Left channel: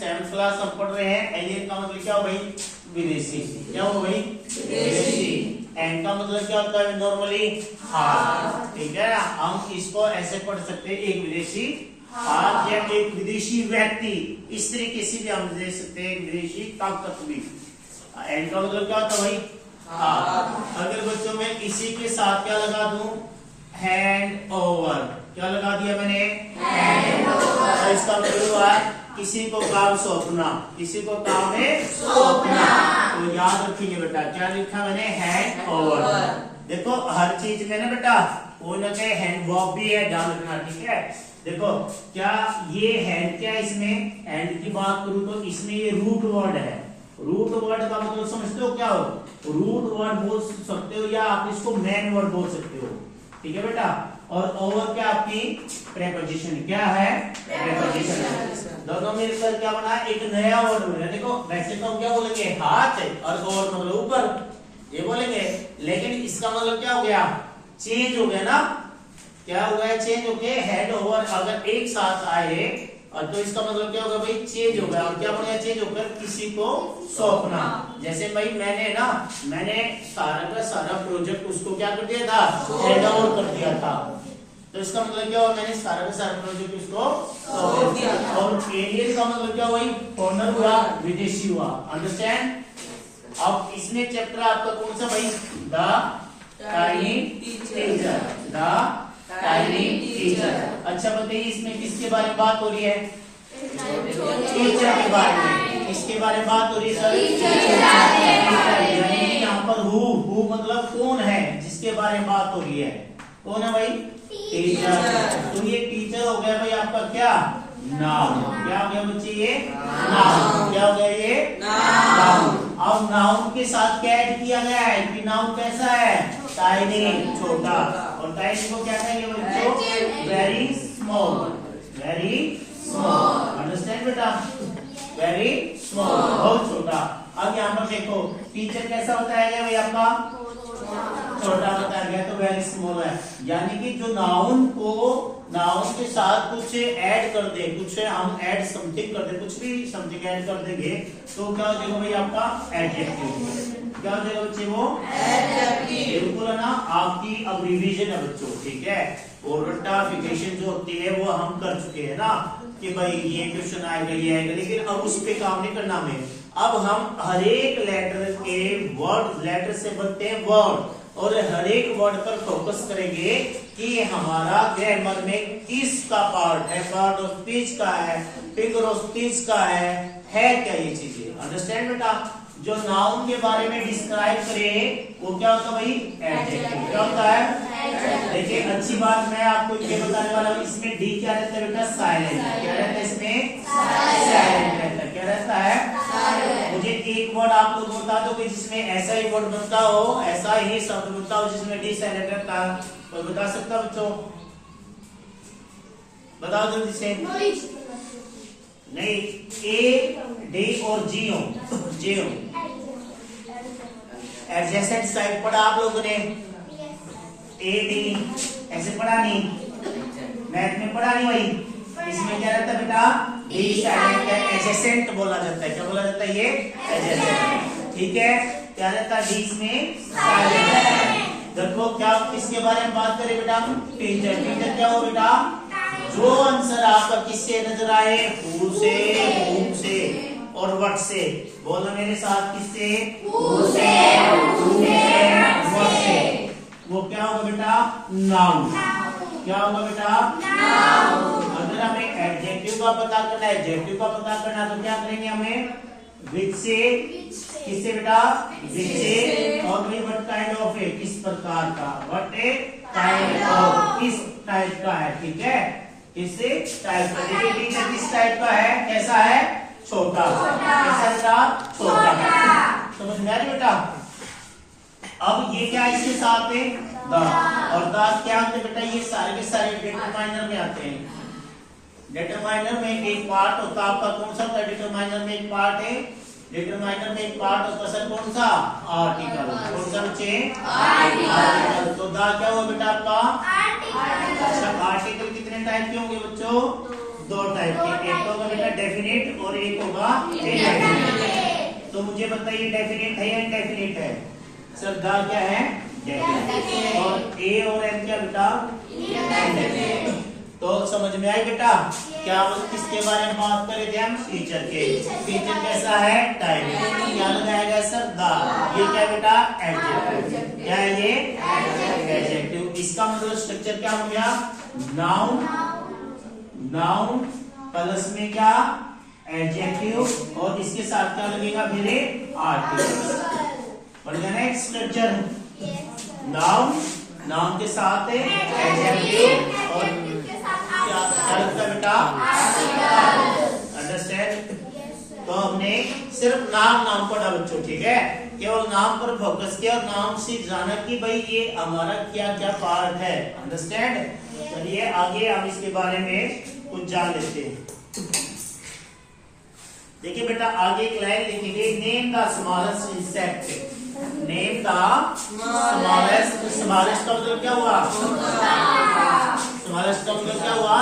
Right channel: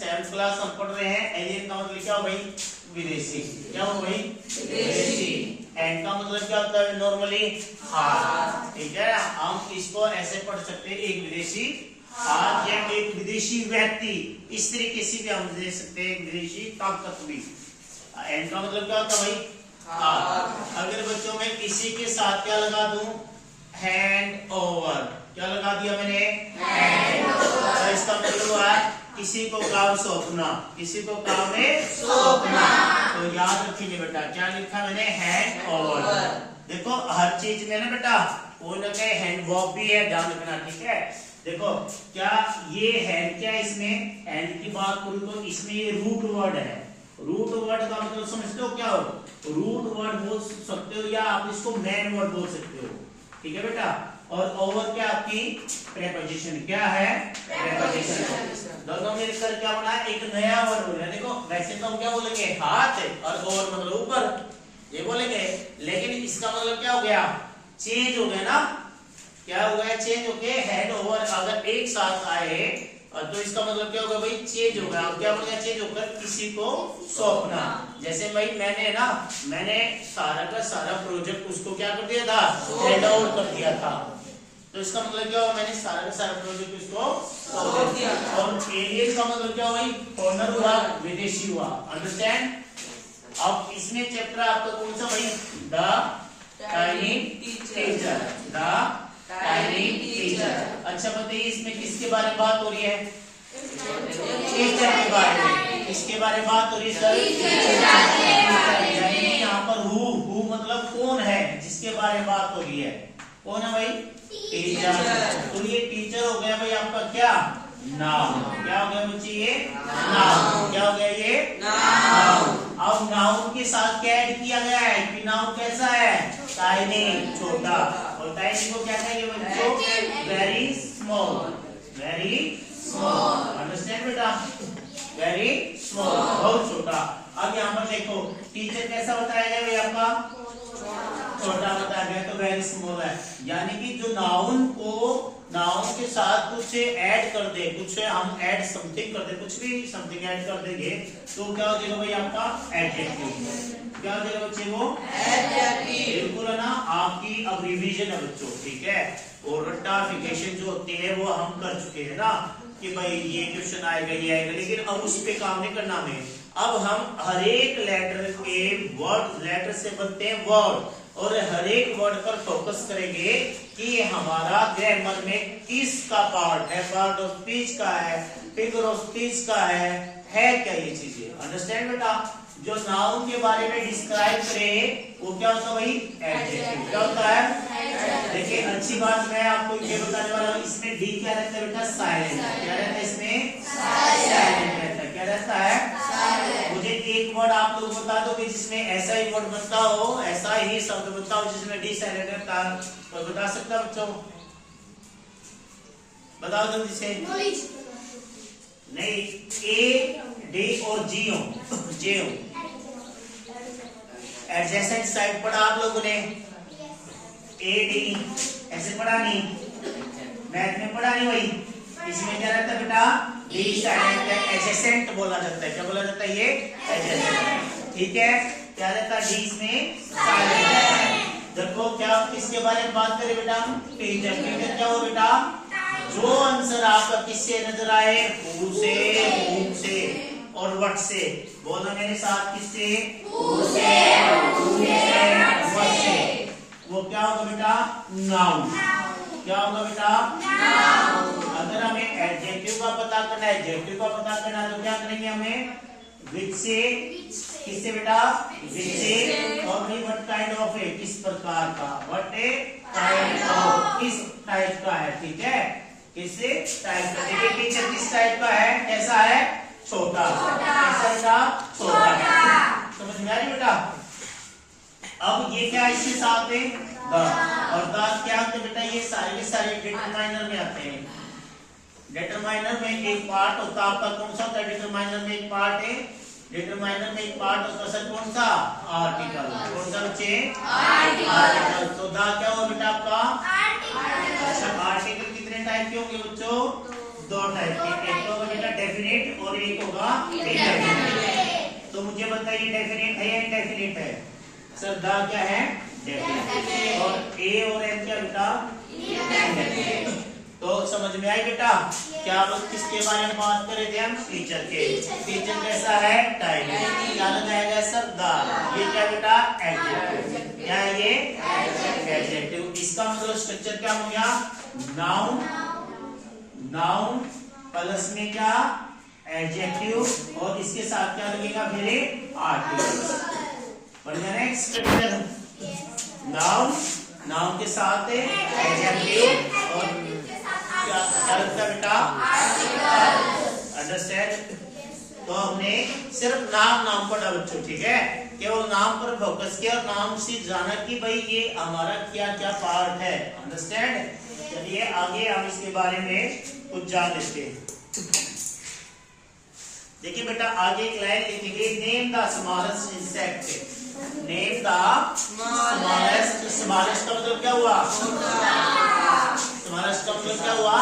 7th class हम पढ़ रहे हैं। एलियन का मतलब क्या हो भाई? विदेशी। क्या हो भाई? विदेशी। एंड का मतलब क्या होता है नॉर्मली? हाथ। ठीक है, हम इसको ऐसे पढ़ सकते हैं, एक विदेशी हाथ या एक विदेशी व्यक्ति, इस तरीके से भी हम दे सकते हैं, एक विदेशी ताकत भी। एंड का मतलब क्या होता है भाई? हाथ। अगर बच्चों में इसी के साथ क्या लगा दूं? Hand over. क्या लगा दिया मैंने? Hand over. इसका मतलब हुआ किसी को काम सौंपना, किसी को काम में सौंपना। तो याद रखेंगे बेटा, क्या लिखा मैंने? Hand over. देखो हर चीज में ना बेटा कोई ना कोई हैंड वर्ब भी है, ध्यान रखना। ठीक है, देखो क्या ये हैंड, क्या इसमें हैंड की बात करूं तो इसमें ये रूट वर्ड है। रूट वर्ड का मतलब समझते हो क्या हो? रूट वर्ड बोल सकते हो या आप इसको मेन वर्ड बोल सकते हो। ठीक है बेटा, और ओवर क्या आपकी प्रेपोजिशन। क्या है? प्रेपोजिशन। दोनों मिलकर क्या बना? एक नया वर्ड बना। देखो वैसे तो हम क्या बोलेंगे? हाथ है, और ओवर मतलब ऊपर, ये बोलेंगे, लेकिन इसका मतलब क्या हो गया? चेंज हो गया ना। क्या हुआ है? चेंज हो गया। हेड ओवर अगर एक साथ आए और तो इसका मतलब क्या होगा भाई? चेंज हो गया। क्या बन गया? चेंज होकर किसी को सौंपना। जैसे भाई मैंने सारा का सारा प्रोजेक्ट उसको क्या कर दिया था? हैंड ओवर कर दिया था। तो इसका मतलब क्या हुआ? मैंने सारा का सारा प्रोजेक्ट उसको सौंप दिया। और एलियन का मतलब क्या हुआ? फॉरेनर हुआ, विदेशी हुआ। अंडरस्टैंड? अब इसमें चैप्टर आपका कौन सा भाई? The tiny teacher. The tiny teacher. अच्छा बताइए इसमें किसके बारे में बात हो रही है? टीचर के बारे में। किसके बारे में बात हो रही है सर? यानी यहाँ पर हु मतलब कौन है, जिसके बारे में बात हो रही है। कौन है भाई? टीचर। तो ये टीचर हो गया भाई आपका क्या? नाउन। क्या हो गया बच्चे? ये नाउन। क्या हो गया? ये नाउन। अब नाउन के साथ क्या ऐड किया गया है कि नाउन कैसा है? टाइनी, छोटा। और टाइनी को क्या कहेंगे बच्चों? Very small. Very small. Understand बेटा? वेरी स्मॉल, बहुत छोटा। अब यहाँ पर देखो टीचर कैसा बताया गया भाई आपका? छोटा बताया गया, तो वेरी स्मॉल है। यानी कि जो नाउन के साथ कुछ ऐड कर दे, कुछ हम ऐड समथिंग कर दे, कुछ भी समथिंग ऐड कर देंगे तो क्या हो जाएगा भाई आपका? एडजेक्टिव। क्या हो जाएगा बच्चे? वो एडजेक्टिव। बिल्कुल है ना, आपकी अब रिवीजन है बच्चों। ठीक है, और रट्टाफिकेशन जो होती है वो हम कर चुके हैं ना, कि भाई ये क्वेश्चन आएगा, ये आएगा, लेकिन अब उस पे काम नहीं करना हमें। अब हम हर एक लेटर के वर्ड, लेटर से बनते हैं वर्ड, और हर एक वर्ड पर फोकस करेंगे कि हमारा ग्रामर में किसका पार्ट है, पार्ट ऑफ स्पीच का है, फिगर ऑफ स्पीच का है क्या ये चीजें। अंडरस्टैंड बेटा? जो नाउन के बारे में डिस्क्राइब करे वो क्या होता है भाई? एडजेक्टिव। क्या होता है? देखिए अच्छी बात मैं आपको ये बताने वाला हूँ, इसमें डी क्या रहता है बेटा? साइलेंट। क्या रहता है इसमें? साइलेंट रहता है। क्या रहता है? मुझे एक वर्ड आप लोग बता दो कि जिसमें ऐसा ही वर्ड बनता हो, ऐसा ही शब्द बनता हो जिसमें डी साइलेंट रहता है, कोई बता सकता है बच्चों? बताओ जल्दी से। नहीं, ए डी और जी हो, जे हो। एडजेसेंट साइड पढ़ा आप लोगों ने? ए डी ऐसे पढ़ा नहीं? मैथ में पढ़ा नहीं भाई? इसमें क्या रहता है बेटा? डी साइलेंट है, एडजेसेंट बोला जाता है। क्या बोला जाता है? ये एडजेसेंट। ठीक है, क्या रहता है? डी इसमें साइलेंट है। देखो क्या किसके बारे में बात करें बेटा? टीचर। टीचर क्या हो बेटा? जो आंसर आपका किससे नजर आए? हु से, whom से और व्हाट से। बोलो मेरे साथ, किससे? हु से, whom से, व्हाट से। वो क्या होगा बेटा? नाउन। क्या होगा बेटा? नाउन। अगर हमें एडजेक्टिव का पता करना है, एडजेक्टिव का पता करना है तो क्या करेंगे हमें? विच से, किससे बेटा? विच से, और फिर व्हाट काइंड ऑफ है, किस प्रकार का, व्हाट ए काइंड ऑफ, किस टाइप का है। ठीक है, किससे टाइप का। देखिए टीचर किस टाइप का है? कैसा है? छोटा। कैसा बेटा? छोटा है। समझ में आ रही बेटा? अब ये क्या इसके साथ है? द। और द क्या होते बेटा? ये सारे के सारे डिटरमाइनर में आते हैं। डिटरमाइनर में एक पार्ट होता है आपका, कौन सा होता है? डिटरमाइनर में एक पार्ट है, डिटरमाइनर में एक पार्ट होता है सर, कौन सा? आर्टिकल। कौन सा बच्चे? आर्टिकल। तो द क्या हुआ बेटा आपका? आर्टिकल। अच्छा, आर्टिकल कितने टाइप के होंगे बच्चों? दो टाइप के, एक होगा बेटा डेफिनेट और एक होगा इंडेफिनिट। तो मुझे बताइए डेफिनेट है या इंडेफिनिट है? सर द क्या है? डेफिनेट। और ए और एम क्या बेटा? इंडेफिनिट। तो समझ में आई बेटा? क्या वो किसके बारे में बात कर रहे थे हम? टीचर के। टीचर कैसा है? टाइम। क्या लगाया गया सर? द। ये क्या बेटा? एडजेक्टिव। क्या है ये? एडजेक्टिव। इसका मतलब स्ट्रक्चर क्या हो गया? नाउन, नाउन प्लस में क्या? एडजेक्टिव, और इसके साथ क्या लगेगा? फिर आर्टिकल। बढ़ गया ना एक स्ट्रक्चर? नाउन, नाउन के साथ एडजेक्टिव और क्या लगता है बेटा? अंडरस्टैंड? तो हमने सिर्फ नाम पढ़ा बच्चों, ठीक है? केवल नाम पर फोकस किया और नाम से जाना कि भाई ये हमारा क्या क्या पार्ट है। अंडरस्टैंड? चलिए आगे हम इसके बारे में कुछ जान लेते हैं। देखिए बेटा आगे एक लाइन लिखेंगे, name the smallest insect. Name the smallest. Smallest का मतलब क्या हुआ? स्मॉलेस्ट का मतलब क्या हुआ?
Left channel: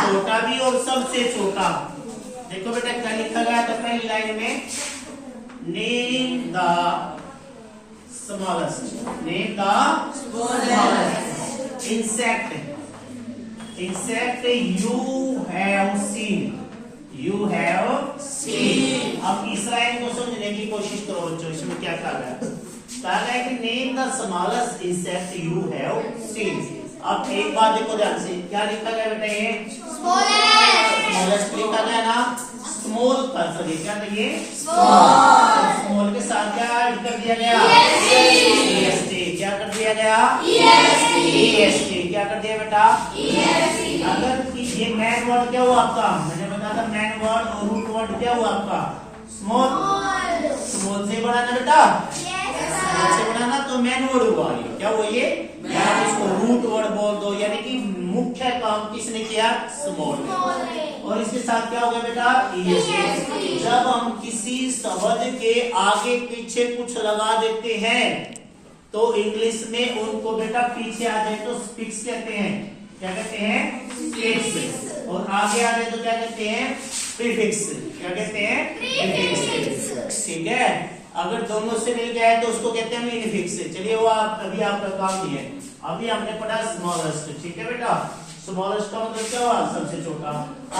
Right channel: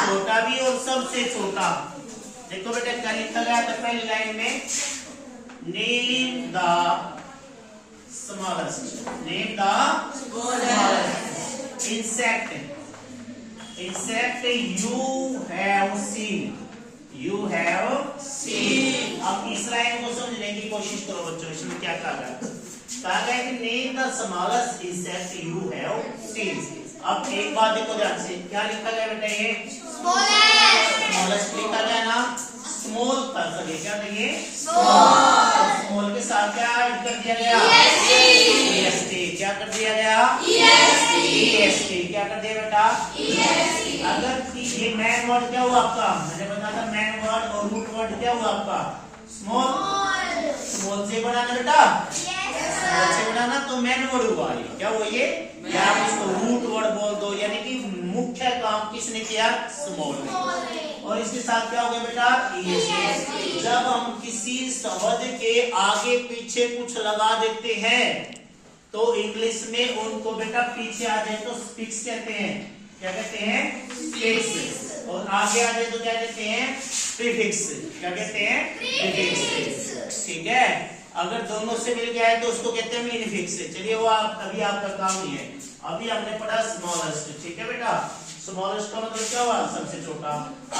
छोटा भी और सबसे छोटा। देखो बेटा क्या लिखा गया था पहली लाइन में? Name the smallest. Name the smallest insect. Insect you have seen. You have seen. अब इस लाइन को समझने की कोशिश करो बच्चों। इसमें क्या कहा गया? कहा गया कि name the smallest insect you have seen. अब एक बात देखो ध्यान से, क्या लिखा गया बेटा? ये स्मॉलेस्ट लिखा गया ना? स्मॉल का सॉरी क्या था ये? स्मॉल के साथ क्या ऐड कर दिया गया? EST। क्या कर दिया गया? EST। क्या कर दिया बेटा? अगर ये मैन वर्ड क्या हुआ आपका? मैंने बताया था मैन वर्ड और रूट वर्ड क्या हुआ आपका? स्मॉल। स्मॉल से बड़ा ना बेटा? स्मॉल से बड़ा ना, तो मैन वर्ड हुआ। ये क्या हुआ? ये या उसको रूट वर्ड बोल दो, यानी कि मुख्य काम किसने किया? स्मॉल ने। और इसके साथ क्या होगा बेटा? EST। जब हम किसी शब्द के आगे पीछे कुछ लगा देते हैं तो इंग्लिश में उनको बेटा पीछे आ जाए तो स्पिक्स कहते हैं। क्या कहते हैं? स्पिक्स। और आगे आ जाए तो क्या कहते हैं? प्रीफिक्स। क्या कहते हैं? प्रीफिक्स। ठीक है? अगर दोनों से मिल गया है तो उसको कहते हैं इनफिक्स। चलिए वो अभी आपका काम नहीं है। अभी हमने पढ़ा स्मॉलेस्ट। ठीक है बेटा? स्मॉलेस्ट का मतलब क्या हुआ? सबसे छोटा।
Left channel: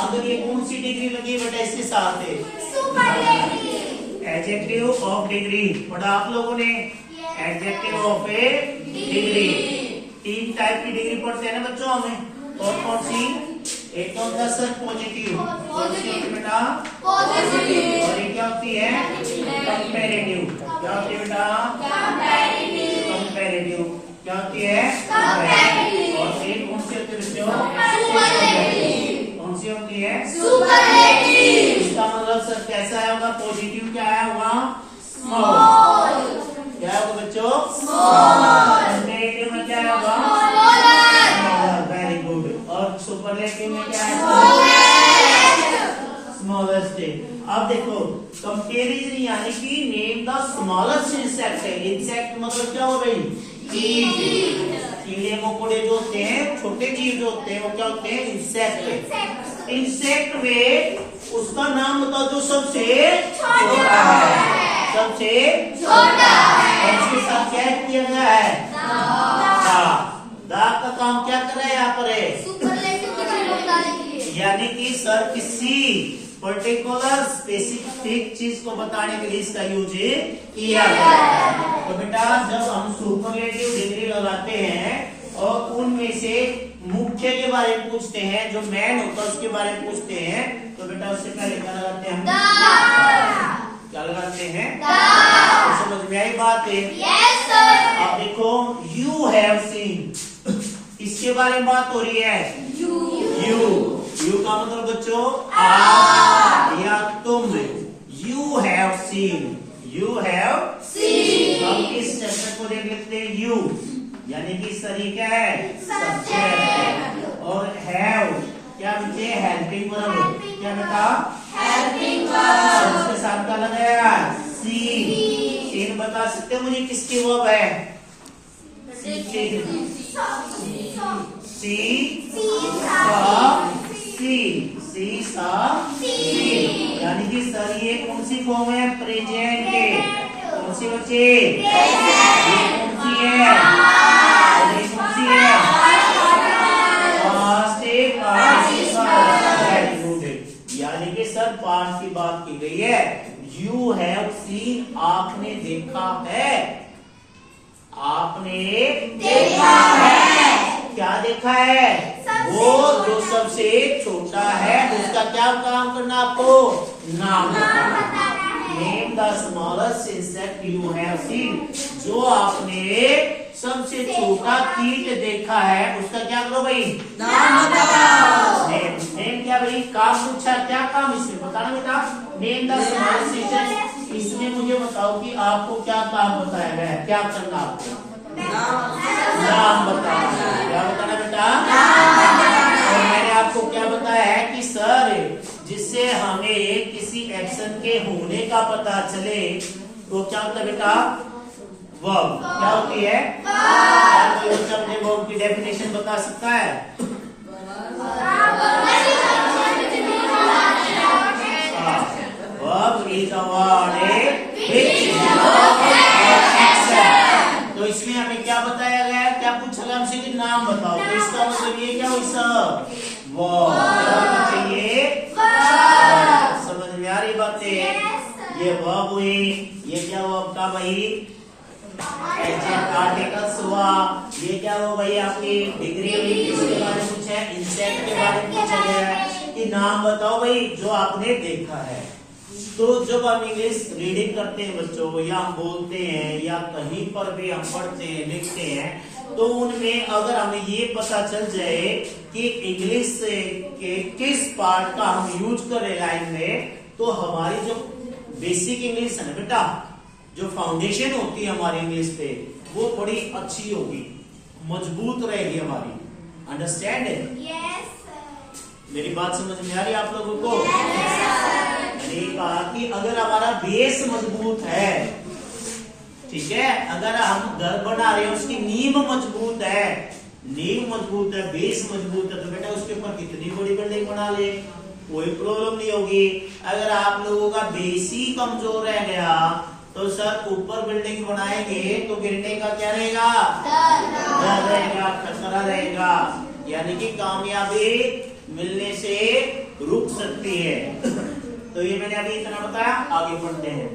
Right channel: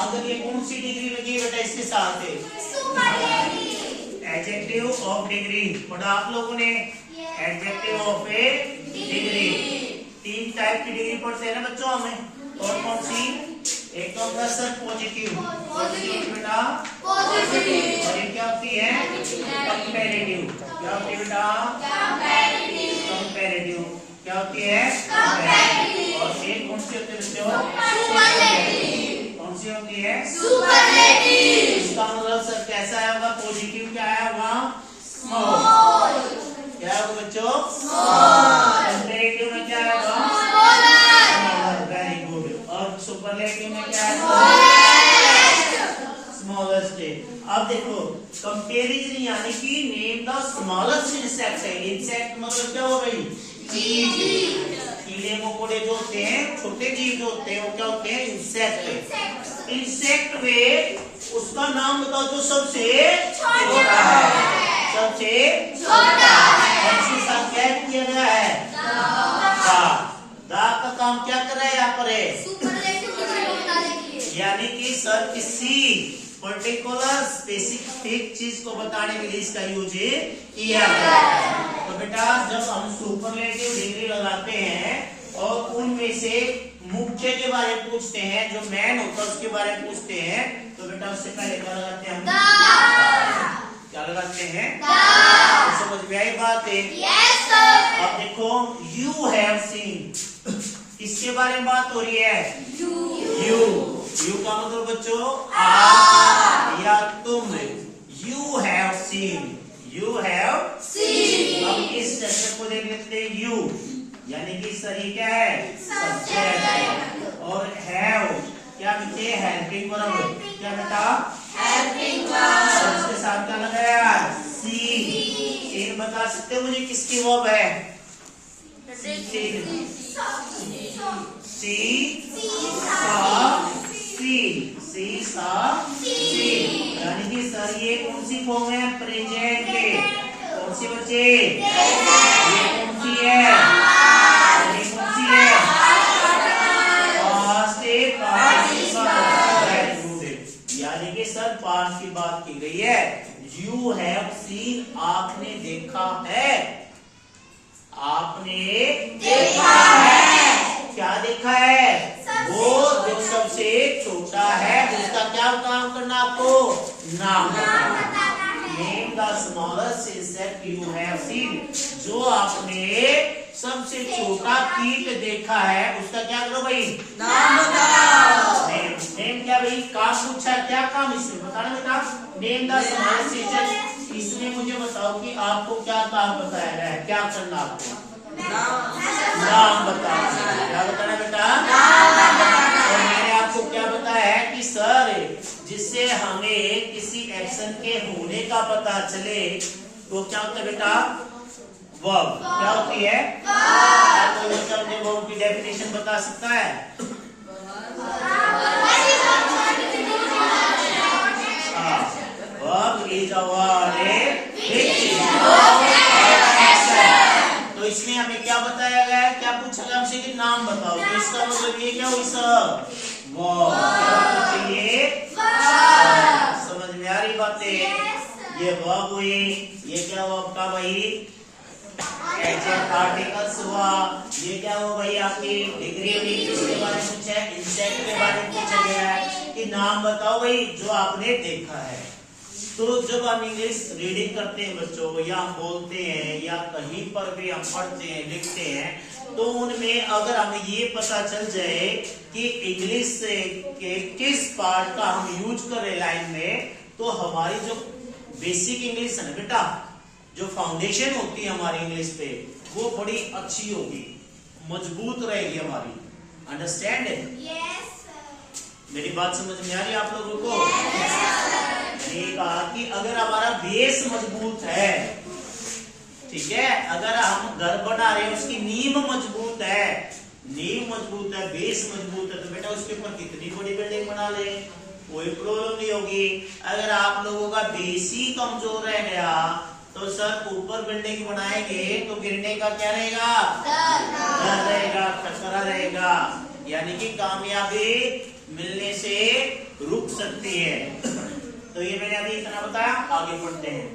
अगर ये कौन सी डिग्री लगी है बेटा? इसके साथ है एडजेक्टिव ऑफ डिग्री। पढ़ा आप लोगों ने? Adjective of A degree. 3 type की डिग्री पढ़ते हैं ना बच्चों हमें। और कौन सी? एक तो होता है सर पॉजिटिव। पॉजिटिव बेटा? पॉजिटिव। और ये क्या होती है? कंपैरेटिव। क्या होती है बेटा? कंपैरेटिव। क्या होती है? कंपैरेटिव। और एक कौन सी होती है बच्चों? सुपरलेटिव। कौन सी होती है? सुपरलेटिव। इसका मतलब सर कैसा आया होगा? पॉजिटिव क्या आया होगा? स्मॉल। क्या होगा बच्चों? स्मॉल। कंपैरेटिव में क्या आया होगा? स्मॉलर। Very good. और सुपरलेटिव में क्या आया? स्मॉलेस्ट। अब देखो कंपेरिजन यानी कि नेम द स्मॉलेस्ट इंसेक्ट है। इंसेक्ट मतलब क्या हो गई? चीज। कीड़े मकोड़े जो होते हैं, छोटे जीव जो होते हैं वो क्या होते हैं? इंसेक्ट। इंसेक्ट में उसका नाम बताओ जो सबसे छोटा है। सबसे छोटा। और इसके साथ क्या किया गया है? दा का काम क्या कर रहा है यहाँ पर? यानी कि सर किसी पर्टिकुलर स्पेसिफिक चीज को बताने के लिए इसका यूज किया गया है। तो बेटा जब हम सुपरलेटिव डिग्री लगाते हैं और उनमें से मुख्य के बारे में पूछते हैं, जो मैन होता है उसके बारे में पूछते हैं, तो बेटा उससे पहले क्या लगाते हैं हम? क्या लगाते हैं? तो समझ में आई बात है? yes, sir. अब देखो यू हैव सीन, इसके बारे में बात हो रही है। यू का मतलब बच्चों आप या तुम। You have seen. You have seen. हम इस सेक्शन को देख लेते हैं। यू यानी कि सही क्या है? सब्जेक्ट। और हैव क्या बच्चे? Helping verb. क्या बेटा? Helping verb. उसके साथ क्या लगाया? सीन। सीन बता सकते हो मुझे किसकी वर्ब है? सी सी यानी कि सर ये कौन सी फॉर्म है? प्रेजेंट। कौन सी बच्चे? ये कौन सी है? ये कौन सी है? पास्ट यानी कि सर पास्ट की बात की गई है। यू हैव सीन, आपने देखा है। आपने देखा है। क्या देखा है? वो जो सबसे छोटा है उसका क्या काम करना आपको? नाम बताना। Name the smallest insect you have seen, जो आपने सबसे छोटा कीट देखा है उसका क्या करो भाई? नाम बताओ। नेम क्या भाई? काम पूछा, क्या काम इसमें बताना बेटा। नेम द स्मॉलेस्ट इंसेक्ट, इसमें मुझे बताओ कि आपको क्या काम बताया गया है, क्या करना आपको? नाम बताना। क्या बताना बेटा? और मैंने आपको क्या बताया है कि सर जिससे हमें किसी एक्शन के होने का पता चले तो क्या होता है बेटा? वर्ब। क्या होती है? कोई बच्चा मुझे वर्ब की डेफिनेशन बता सकता है? वर्ब इज अ वर्ड तो इसमें हमें क्या बताया गया है? क्या पूछा गया हमसे कि नाम बताओ, तो इसका मतलब ये क्या हुई सर? वर्ब चाहिए। समझ में आ रही बातें? ये वर्ब हुई। ये क्या हुआ आपका भाई? आर्टिकल्स हुआ। ये क्या हुआ भाई? आपकी डिग्री हुई। किसके बारे में पूछा है? इंसेक्ट के बारे में पूछा गया है कि नाम बताओ भाई जो आपने देखा है। तो जब हम इंग्लिश रीडिंग करते हैं बच्चों, या हम बोलते हैं, या कहीं पर भी हम पढ़ते हैं, लिखते हैं, तो उनमें अगर हमें ये पता चल जाए कि इंग्लिश के किस पार्ट का हम यूज करें लाइन में, तो हमारी जो बेसिक इंग्लिश है ना बेटा, जो फाउंडेशन होती है हमारी इंग्लिश पे, वो बड़ी अच्छी होगी, मजबूत रहेगी हमारी। अंडरस्टैंड? मेरी बात समझ में आ रही है आप लोगों को? मैंने कहा कि अगर हमारा बेस मजबूत है, ठीक है, अगर हम घर बना रहे हैं उसकी नींव मजबूत है, नींव मजबूत है, बेस मजबूत है, तो बेटा उसके ऊपर कितनी बड़ी बिल्डिंग बना ले कोई प्रॉब्लम नहीं होगी। अगर आप लोगों का बेस ही कमजोर रह गया तो सर ऊपर बिल्डिंग बनाएंगे तो गिरने का क्या रहेगा? डर रहेगा, खतरा रहेगा, यानी कि कामयाबी मिलने से रुक सकती है। तो ये मैंने अभी इतना बताया, आगे बढ़ते हैं।